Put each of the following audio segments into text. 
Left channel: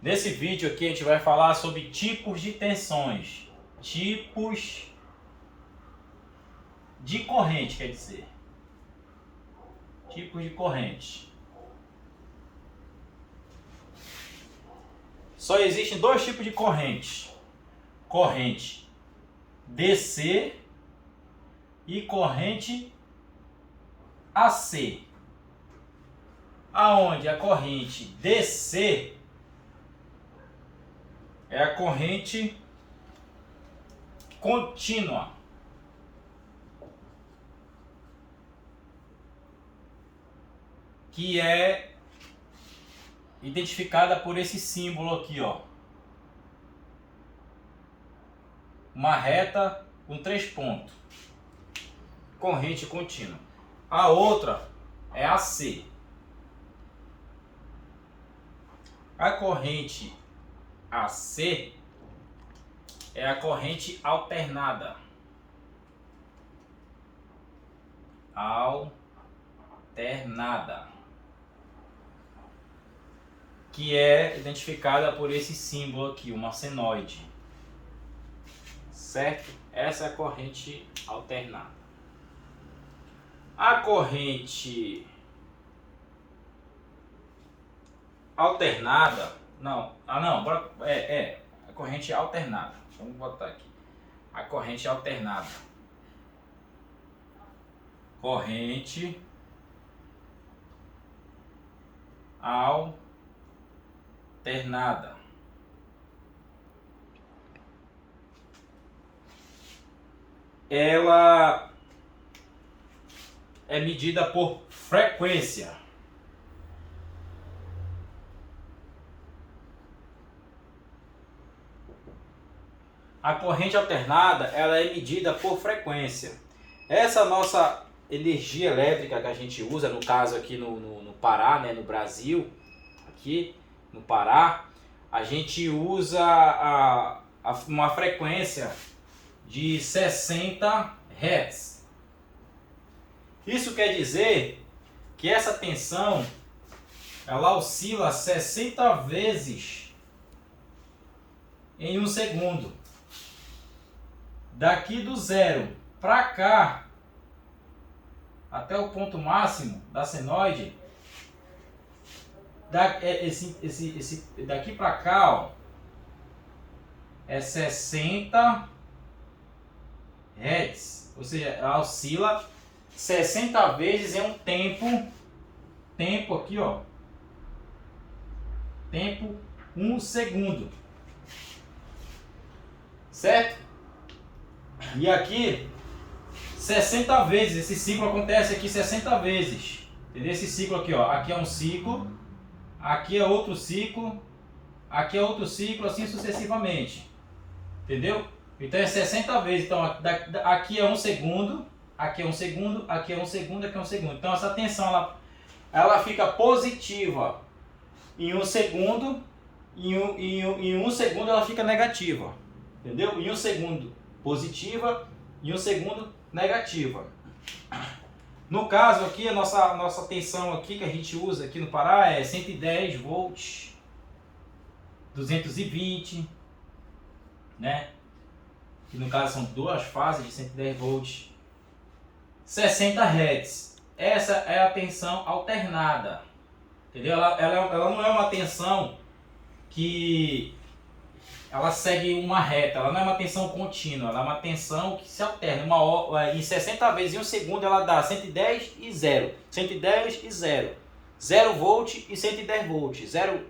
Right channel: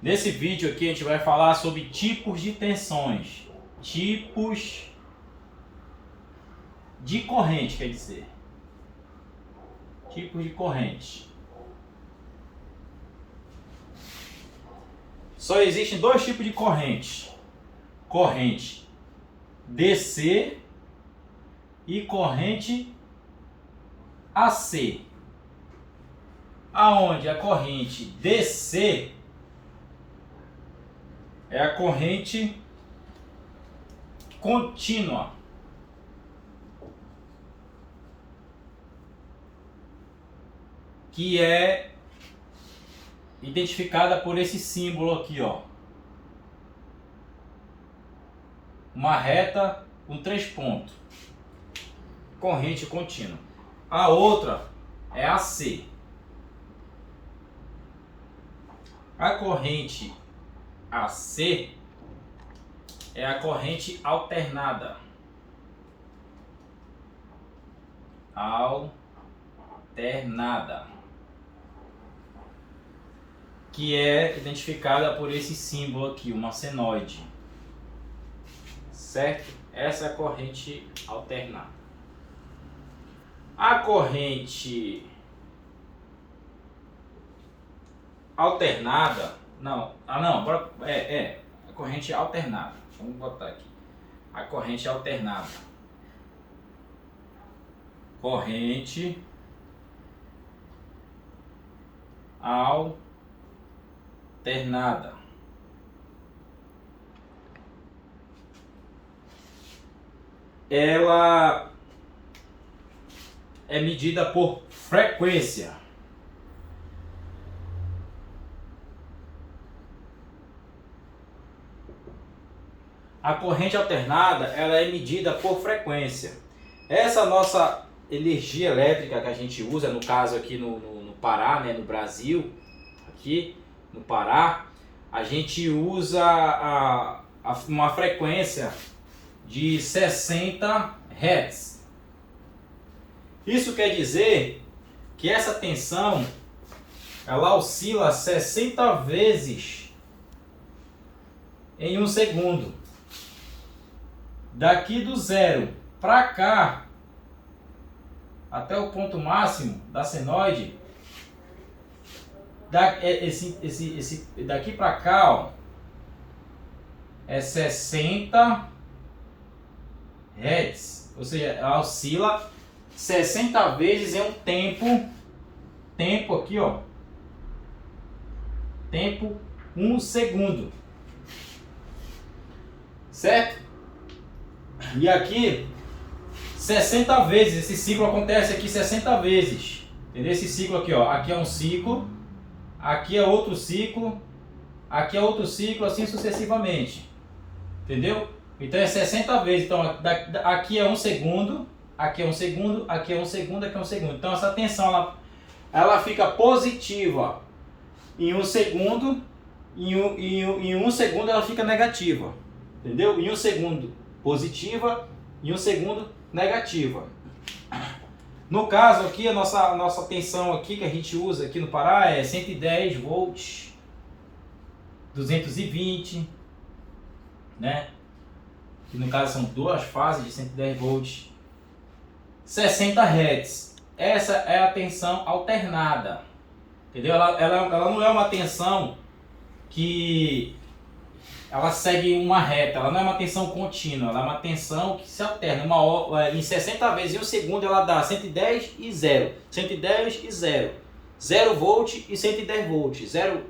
Nesse vídeo aqui a gente vai falar sobre tipos de tensões, tipos de corrente, quer dizer, tipos de corrente. Só existem dois tipos de corrente: corrente DC e corrente AC. Aonde a corrente DC é a corrente contínua, que é identificada por esse símbolo aqui, ó. Uma reta com 3 pontos. Corrente contínua. A outra é a C. A corrente AC é a corrente alternada. Alternada. Que é identificada por esse símbolo aqui, uma senoide. Certo? Essa é a corrente alternada. A corrente alternada, a corrente alternada. Vamos botar aqui. A corrente alternada. Corrente alternada. Ela é medida por frequência. A corrente alternada, ela é medida por frequência. Essa nossa energia elétrica que a gente usa, no caso aqui no Pará, né, no Brasil, aqui no Pará, a gente usa uma frequência de 60 Hz. Isso quer dizer que essa tensão ela oscila 60 vezes em um segundo. Daqui do zero para cá, até o ponto máximo da senoide, daqui para cá, ó, é 60 Hz. Ou seja, ela oscila 60 vezes em um tempo aqui, ó, tempo 1 segundo, certo? E aqui 60 vezes, esse ciclo acontece aqui 60 vezes, entendeu? Esse ciclo aqui, ó, aqui é um ciclo, aqui é outro ciclo, aqui é outro ciclo, assim sucessivamente, entendeu? Então é 60 vezes, então aqui é um segundo, aqui é um segundo, aqui é um segundo, aqui é um segundo. Então essa tensão ela fica positiva em um segundo, em um segundo ela fica negativa, entendeu? Em um segundo positiva, em um segundo negativa. No caso aqui, a nossa tensão aqui que a gente usa aqui no Pará é 110 volts, 220, né? Que no caso são duas fases de 110 volts, 60 Hz. Essa é a tensão alternada, entendeu? Ela não é uma tensão que ela segue uma reta, ela não é uma tensão contínua, ela é uma tensão que se alterna. Em 60 vezes em um segundo ela dá 110 e 0, 110 e 0, 0 volt e 110 volts, 0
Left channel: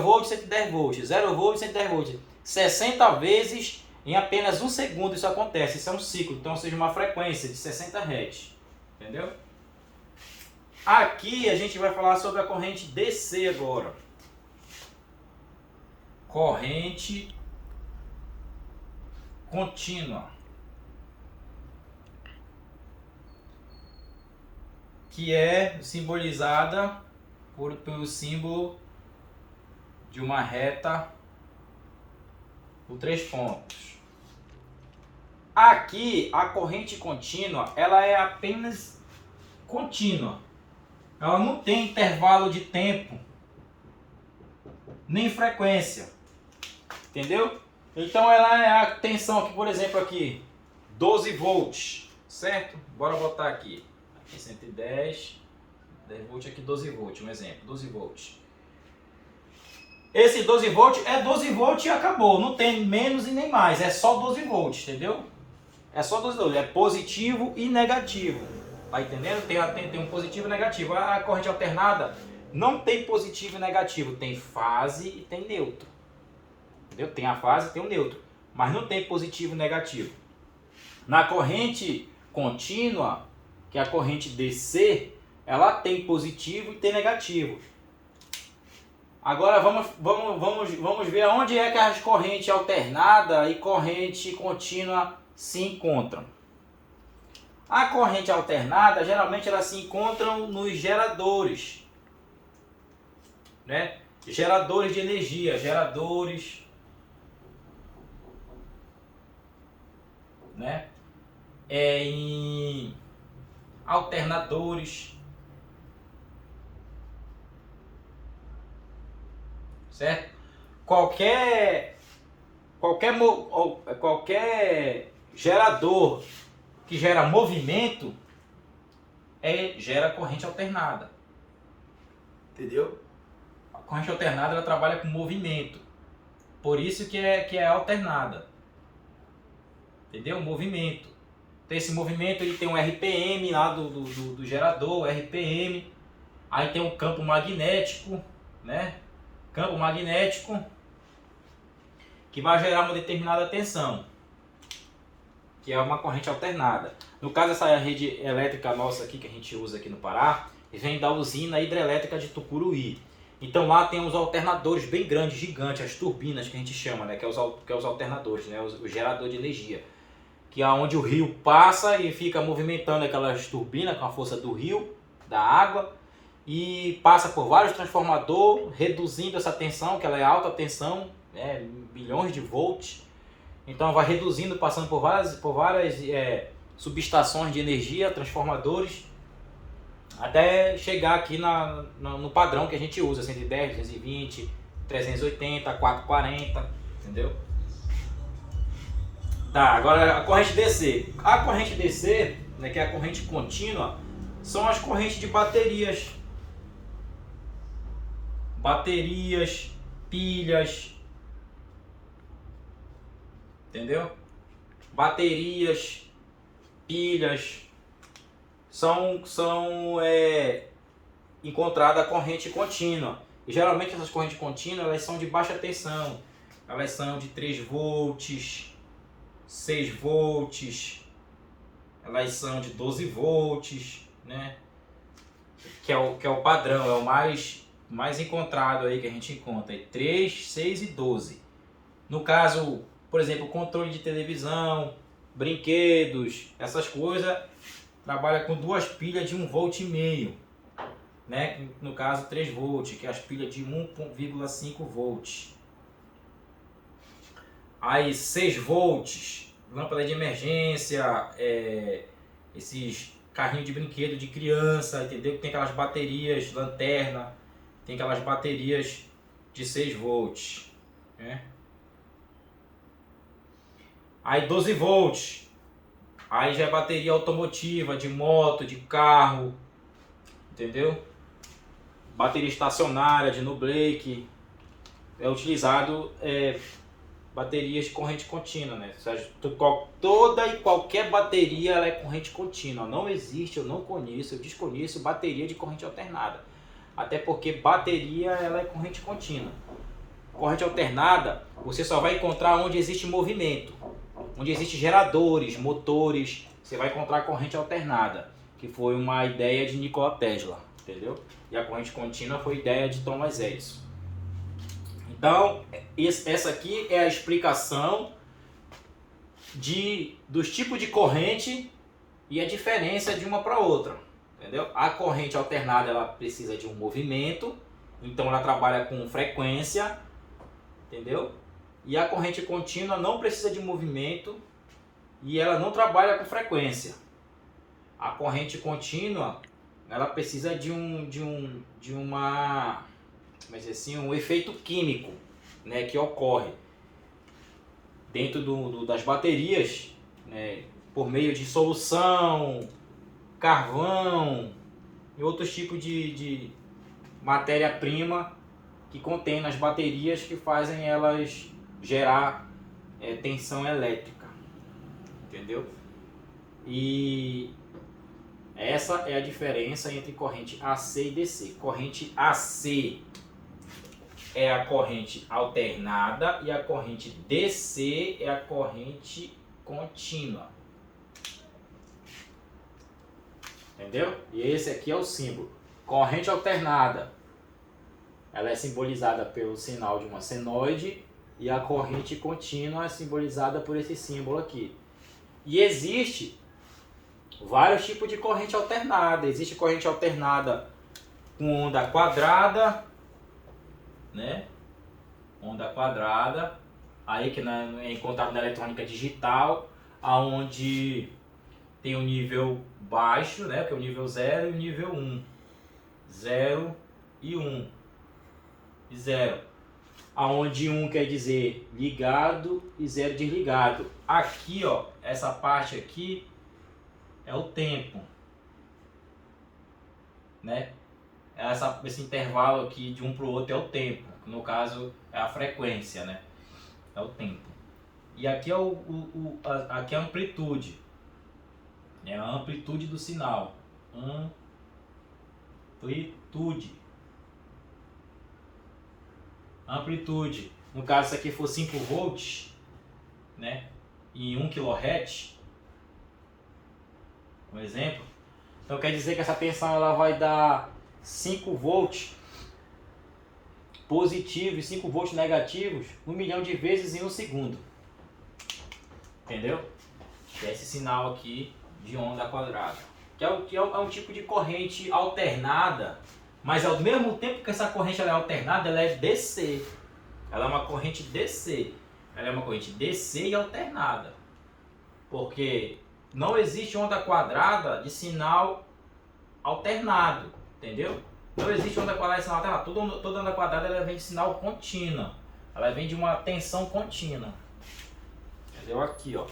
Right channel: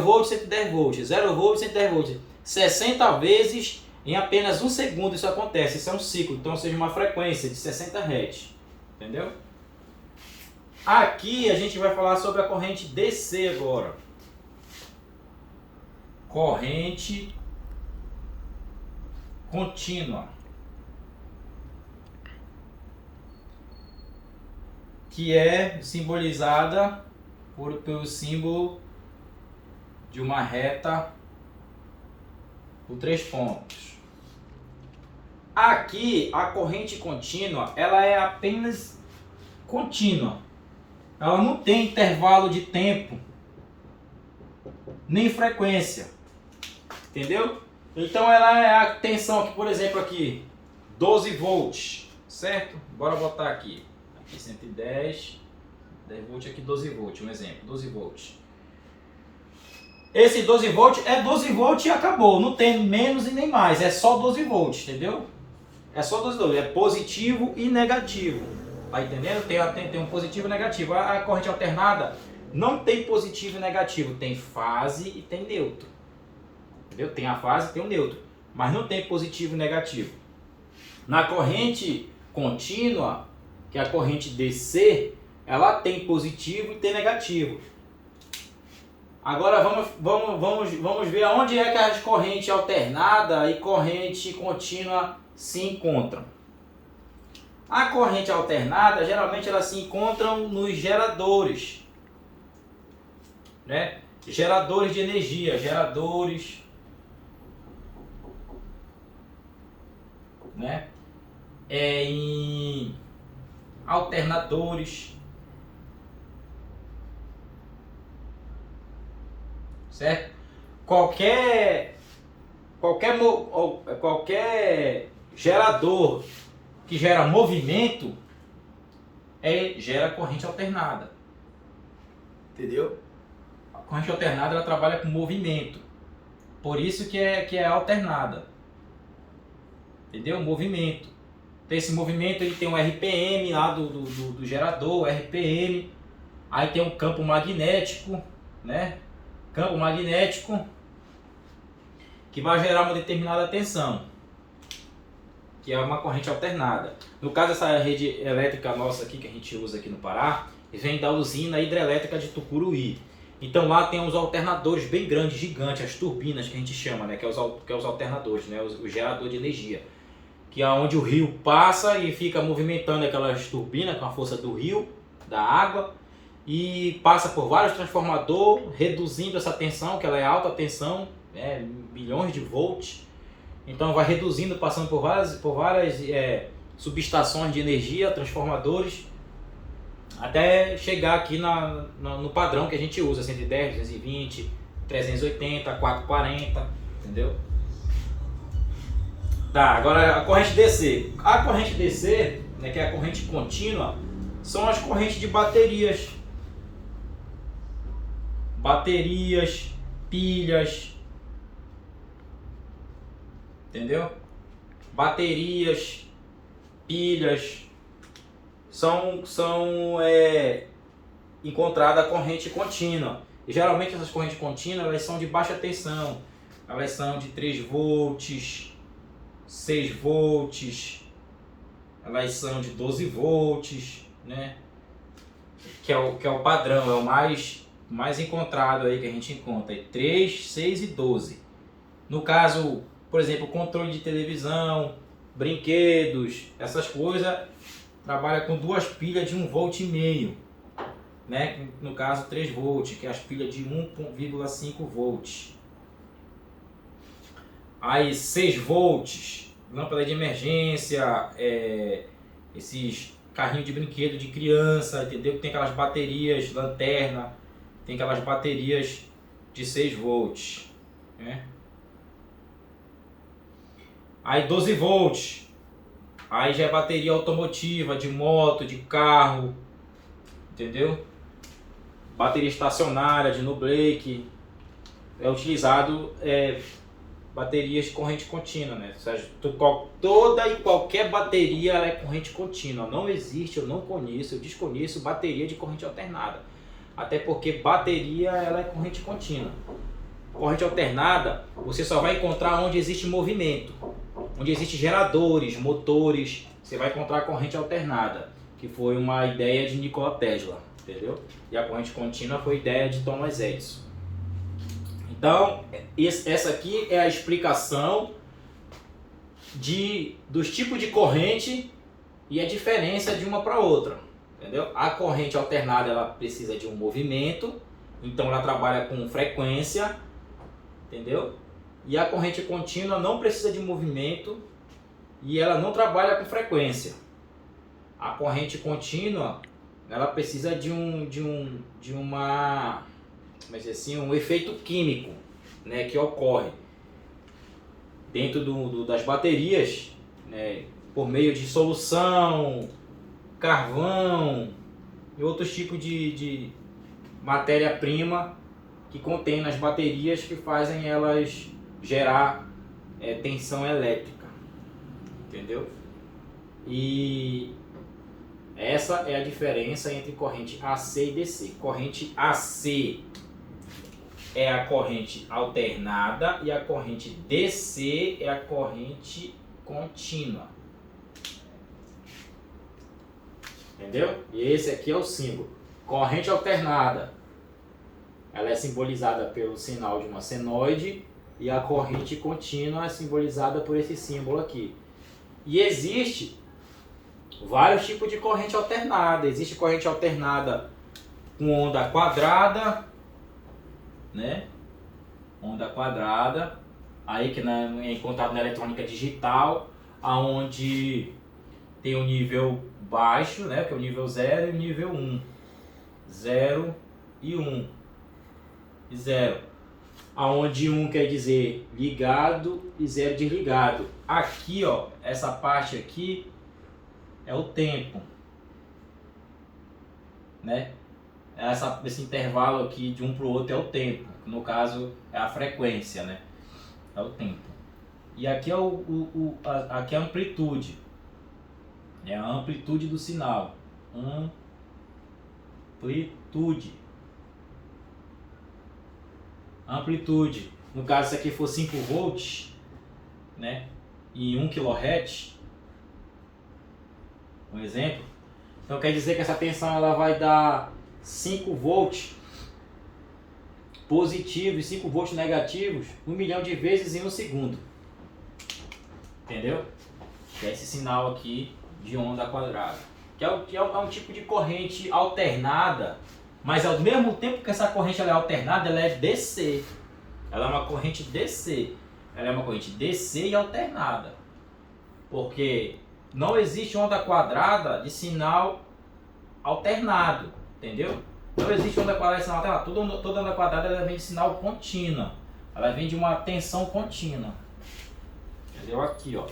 volt, 110 volts, 0 volt, 110 volts, 60 vezes em apenas um segundo isso acontece. Isso é um ciclo, então seja uma frequência de 60 Hz, entendeu? Aqui a gente vai falar sobre a corrente DC agora. Corrente contínua, que é simbolizada pelo símbolo de uma reta por 3 pontos. Aqui a corrente contínua, ela é apenas contínua. Ela não tem intervalo de tempo nem frequência, entendeu? Então ela é a tensão aqui, por exemplo, aqui 12 volts, certo? Bora botar aqui 110, 10 volts aqui, 12 volts, um exemplo, 12 volts. Esse 12 volts é 12 volts e acabou, não tem menos e nem mais, é só 12 volts, entendeu? É só 12 volts, é positivo e negativo, tá entendendo? Tem um positivo e negativo. A corrente alternada não tem positivo e negativo, tem fase e tem neutro, entendeu? Tem a fase e tem o neutro, mas não tem positivo e negativo. Na corrente contínua, que é a corrente DC, ela tem positivo e tem negativo. Agora vamos ver aonde é que as correntes alternada e corrente contínua se encontram. A corrente alternada, geralmente elas se encontram nos geradores, né? Geradores de energia, geradores, né? Em alternadores, certo? Qualquer gerador que gera movimento gera corrente alternada, entendeu? A corrente alternada ela trabalha com movimento, por isso que é alternada, entendeu? Movimento. Então esse movimento ele tem um RPM lá do gerador, RPM, aí tem um campo magnético, né? Campo magnético que vai gerar uma determinada tensão, que é uma corrente alternada. No caso, essa rede elétrica nossa aqui que a gente usa aqui no Pará, vem da usina hidrelétrica de Tucuruí. Então lá tem os alternadores bem grandes, gigantes, as turbinas que a gente chama, né? que é os alternadores, né? o gerador de energia, que é onde o rio passa e fica movimentando aquelas turbinas com a força do rio, da água, e passa por vários transformadores, reduzindo essa tensão, que ela é alta tensão, milhões de volts. Então vai reduzindo, passando por várias subestações de energia, transformadores, até chegar aqui no padrão que a gente usa, 110, 220, 380, 440, entendeu? Tá, agora a corrente DC. A corrente DC, né, que é a corrente contínua, são as correntes de baterias. Baterias, pilhas, entendeu? Baterias, pilhas, são encontrada a corrente contínua. E geralmente essas correntes contínuas elas são de baixa tensão. Elas são de 3 volts, 6 volts, elas são de 12 volts, né? Que é o padrão, é o mais encontrado aí que a gente encontra, 3, 6 e 12. No caso, por exemplo, controle de televisão, brinquedos, essas coisas, trabalha com duas pilhas de 1,5 volt, né? No caso 3 volts, que é as pilhas de 1,5 volts. Aí 6 volts, lâmpada de emergência, esses carrinhos de brinquedo de criança, entendeu? Que tem aquelas baterias, lanterna, tem aquelas baterias de 6 volts, né? Aí 12 volts, aí já é bateria automotiva, de moto, de carro, entendeu? Bateria estacionária, de no-break, é utilizado baterias de corrente contínua, né? Ou seja, toda e qualquer bateria ela é corrente contínua. Não existe, eu não conheço, eu desconheço bateria de corrente alternada. Até porque bateria ela é corrente contínua. Corrente alternada você só vai encontrar onde existe movimento, onde existem geradores, motores. Você vai encontrar corrente alternada, que foi uma ideia de Nikola Tesla, entendeu? E a corrente contínua foi ideia de Thomas Edison. Então, essa aqui é a explicação dos tipos de corrente e a diferença de uma para outra, entendeu? A corrente alternada ela precisa de um movimento, então ela trabalha com frequência, entendeu? E a corrente contínua não precisa de movimento e ela não trabalha com frequência. A corrente contínua ela precisa de uma mas assim, um efeito químico, né, que ocorre dentro das baterias, né, por meio de solução, carvão e outros tipos de matéria-prima que contém nas baterias que fazem elas gerar tensão elétrica, entendeu? E essa é a diferença entre corrente AC e DC. Corrente AC é a corrente alternada e a corrente DC é a corrente contínua. Entendeu? E esse aqui é o símbolo. Corrente alternada, ela é simbolizada pelo sinal de uma senoide, e a corrente contínua é simbolizada por esse símbolo aqui. E existe vários tipos de corrente alternada. Existe corrente alternada com onda quadrada, né? Onda quadrada, aí que é encontrado na eletrônica digital, aonde tem o nível baixo, né? Que é o nível 0 e o nível 1. 0 e 1. E 0. Aonde 1 quer dizer ligado e 0 desligado. Aqui, ó, essa parte aqui é o tempo, né? Esse intervalo aqui de um para o outro é o tempo, que no caso é a frequência, né? É o tempo. E aqui é aqui é a amplitude, é a amplitude do sinal. Amplitude. No caso, se aqui for 5 volts, né? E 1 kHz, um exemplo. Então quer dizer que essa tensão ela vai dar 5 volts positivos e 5 volts negativos 1 milhão de vezes em um segundo. Entendeu? Que é esse sinal aqui de onda quadrada. Que é um tipo de corrente alternada, mas ao mesmo tempo que essa corrente ela é alternada, ela é DC. Ela é uma corrente DC. Ela é uma corrente DC e alternada. Porque não existe onda quadrada de sinal alternado, entendeu? Não existe onda quadrada de sinal alternado. Toda onda quadrada ela vem de sinal contínua. Ela vem de uma tensão contínua. Entendeu? Aqui, ó.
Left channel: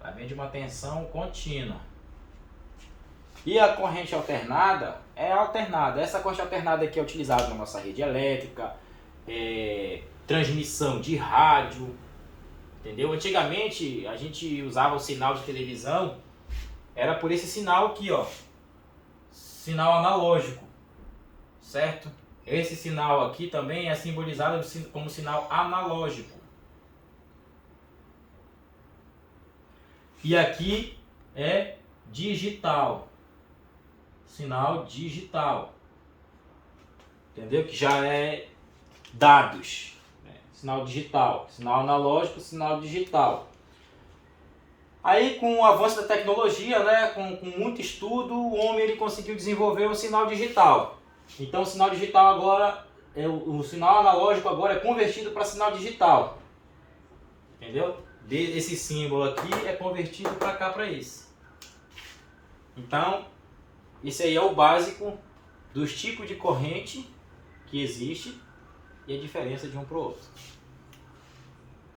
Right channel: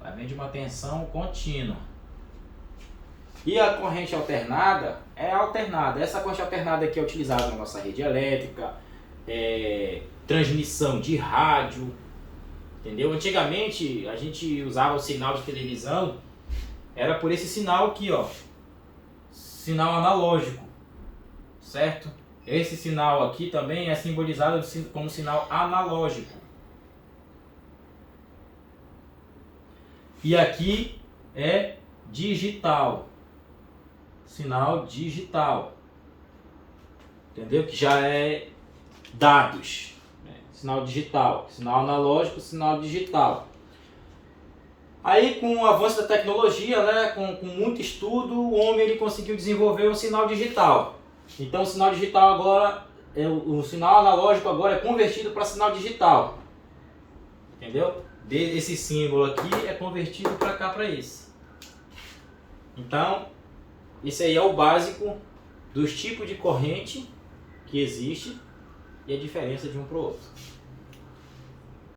Ela vem de uma tensão contínua. E a corrente alternada é alternada. Essa corrente alternada aqui é utilizada na nossa rede elétrica, transmissão de rádio, entendeu? Antigamente a gente usava o sinal de televisão, era por esse sinal aqui, ó, sinal analógico, certo? Esse sinal aqui também é simbolizado como sinal analógico. E aqui é digital, sinal digital, entendeu? Que já é dados, né? Sinal digital, sinal analógico, sinal digital. Aí com o avanço da tecnologia, né, com muito estudo, o homem ele conseguiu desenvolver um sinal digital. Então o sinal digital agora, o sinal analógico agora é convertido para sinal digital, entendeu? Esse símbolo aqui é convertido para cá, para esse. Então, esse aí é o básico dos tipos de corrente que existe e a diferença de um para o outro.